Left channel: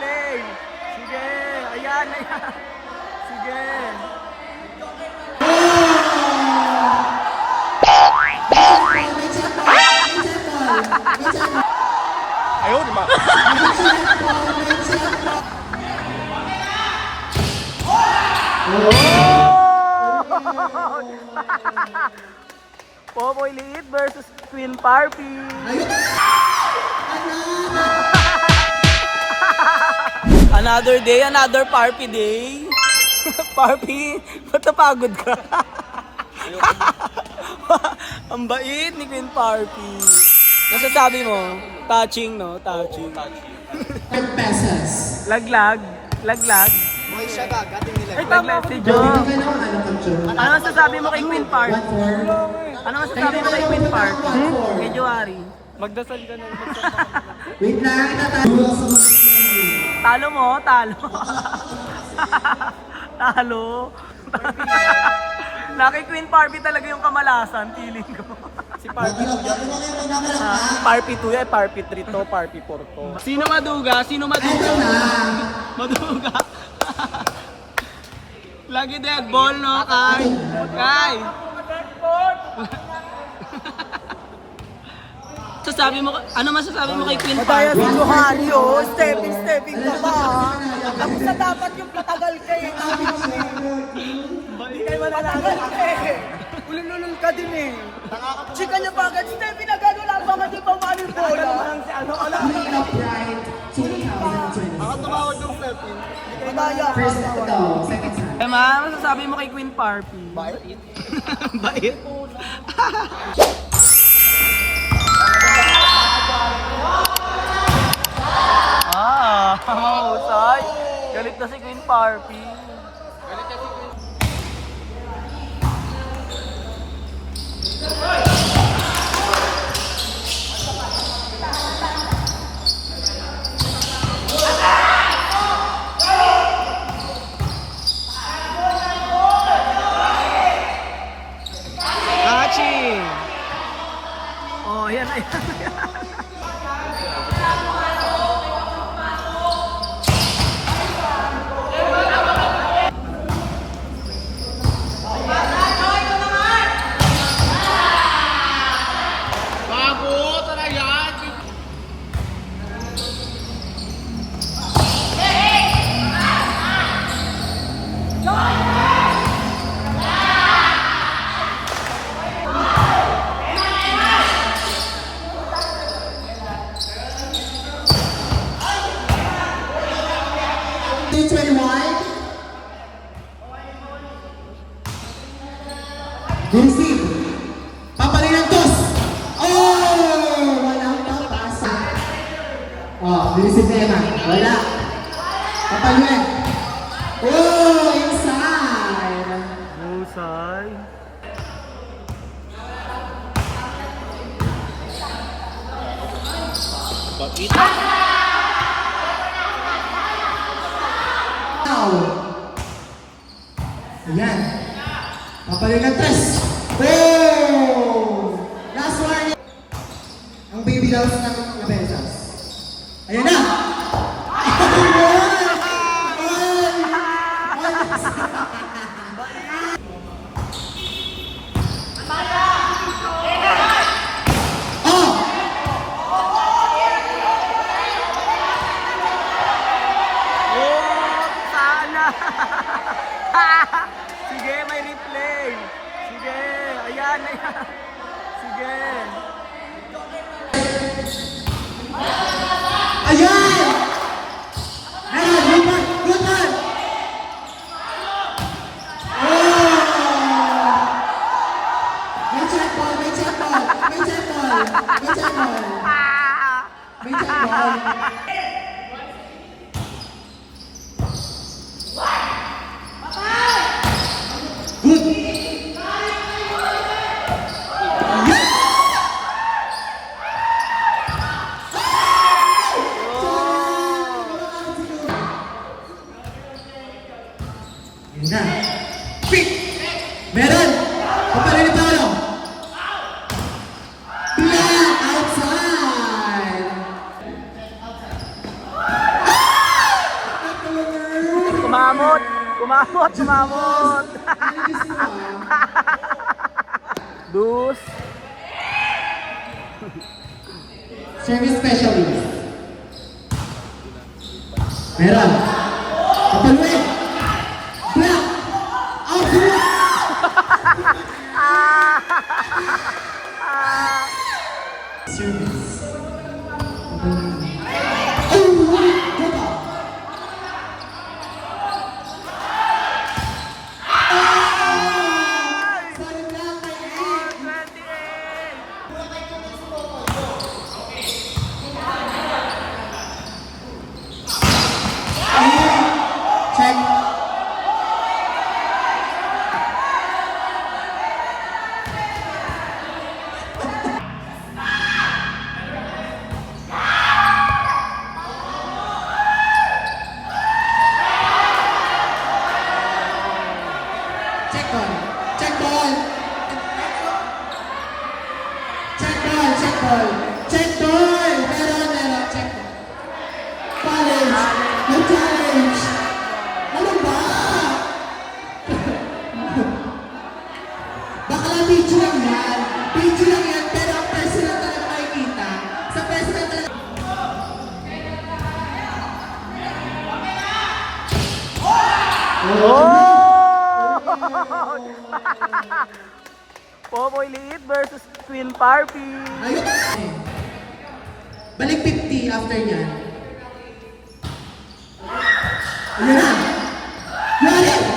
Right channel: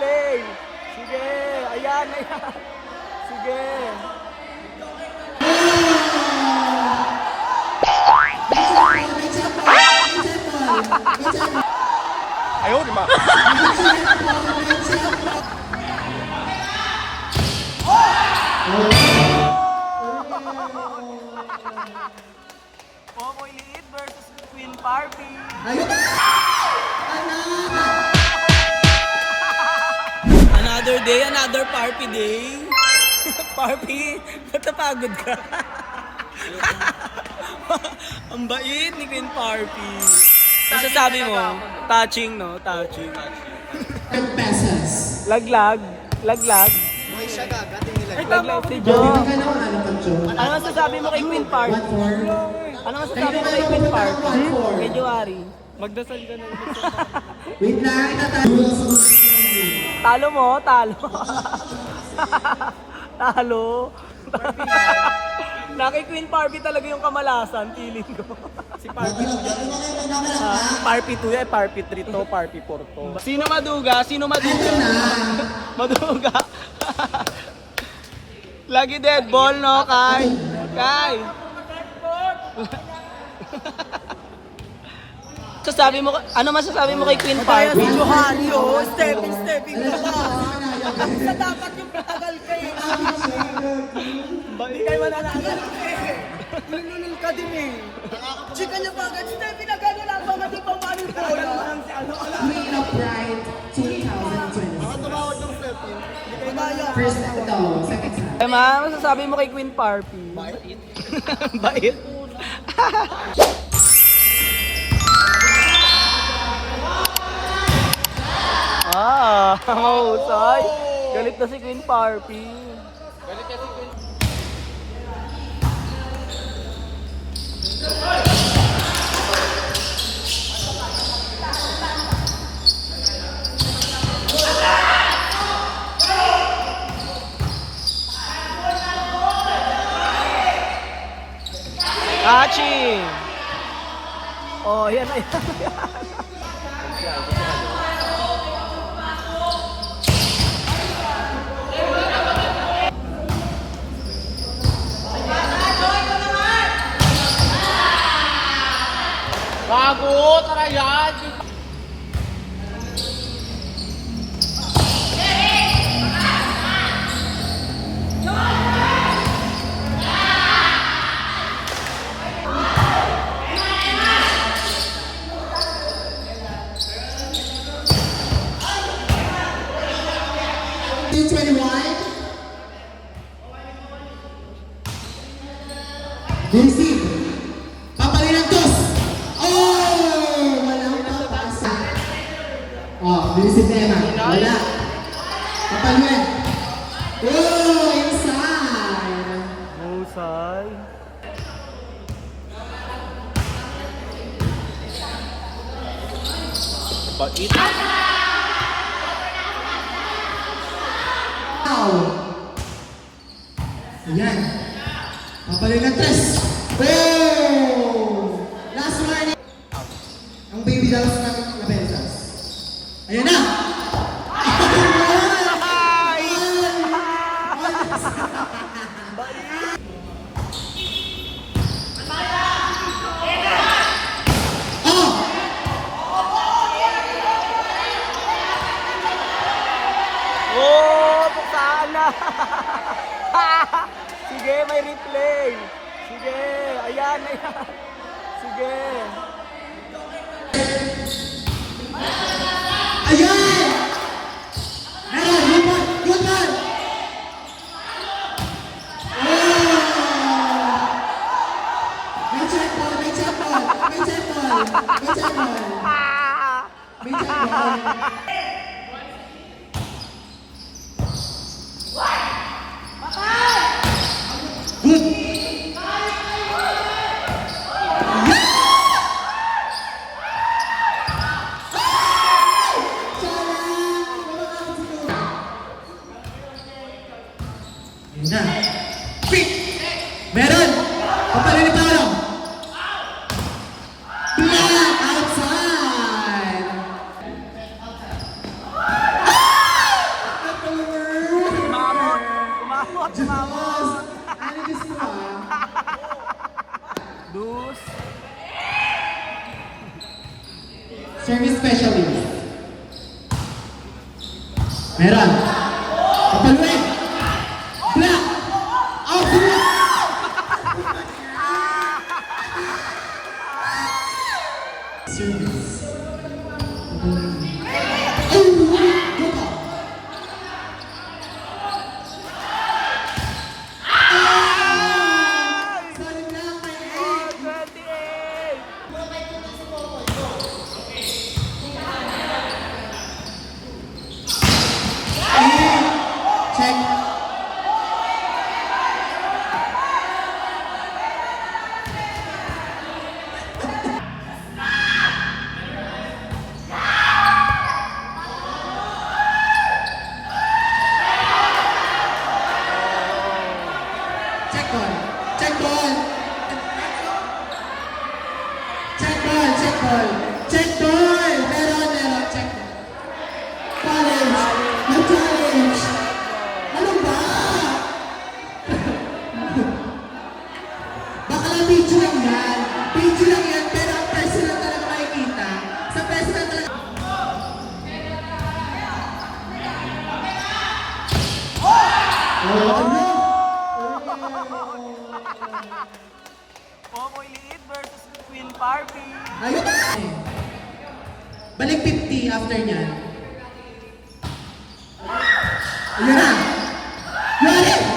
replay. Sige, ayan, ayan. Sige. Ayaw, di ba? Popoy Liit versus Queen Parpy. Another day, another Parpy day. Parpy, ba't napagod ka? Ang bait ni Queen Parpy. Masasabi mo, touching no? Touching. 10 pesos. Laglag. Laglag. May siya gagating nila. Laglag si Jo. Ano Ano masasabi mo kay Queen Parpy? Ano masasabi mo kay Queen Parpy? Kay Joari. Magdasal ka na. Wait lang, itatalo. Talo mo, talo. Talo. Kay Queen Parpy talaga yung kamalasan, feeling ko. Si Parpy 2. Parpy 2 yan, Parpy 3 to, Parpy 4 to. Sino maduga? Sino maduga? Maduga. Lagi dead ball, no, Kai? Kai! Ano masasabi mo kay Queen Parpy? Si Johari, oh. Stepping ka ba? Ako sa dapat yung patagal ka eh. Hindi kayo mananagal eh. Ulul ka din eh. Chika niya ba agad? Stepping na gano'n lang ba? Hindi pa mali po. Queen of Pride 2020. Ako tumawag ng Stepping. First ito, second time. Ma, masasabi mo kay Queen Parpy? Bait. Bait? Mahusay. Galit na si Queen Parpy. Catching! Oh, yan. Bago, tara yan! Receive. Papalin ang toss. Oh! Walang papasa. Oh, receive na Emma. Wala. Papalin. Oh! Inside. Mahusay. Wow. Ayan. Papalin ang tres. Oh! Last one. Ang baby daw sa Labensas. Ayan na! Oh, sana. Sige, may replay. Sige, ayan, ayan. Sige. Ayan! Ayan! Lupan! Lupan! Oh! May check ball! May check ball! May check ball! May check ball! May check ball! Yun na. Quick! Meron! Paparin ni Paolo! Black outside! Loose. Service specialist. Meron. Kapaluin. Black. Out. Black. Service. Sorry lang, may 28. check. Check ball. Check ball. Check ball. Check ball. Check ball. Meron. Check ball. Challenge. May challenge. Ano ba? Baka lang video lang yan. Video lang yan, pero ang personal talaga makikita. Sa personal talaga. Popoy Liit versus Twin Parpy. Ayun na. Balik 50 after niyan. Ayun na. Yun na.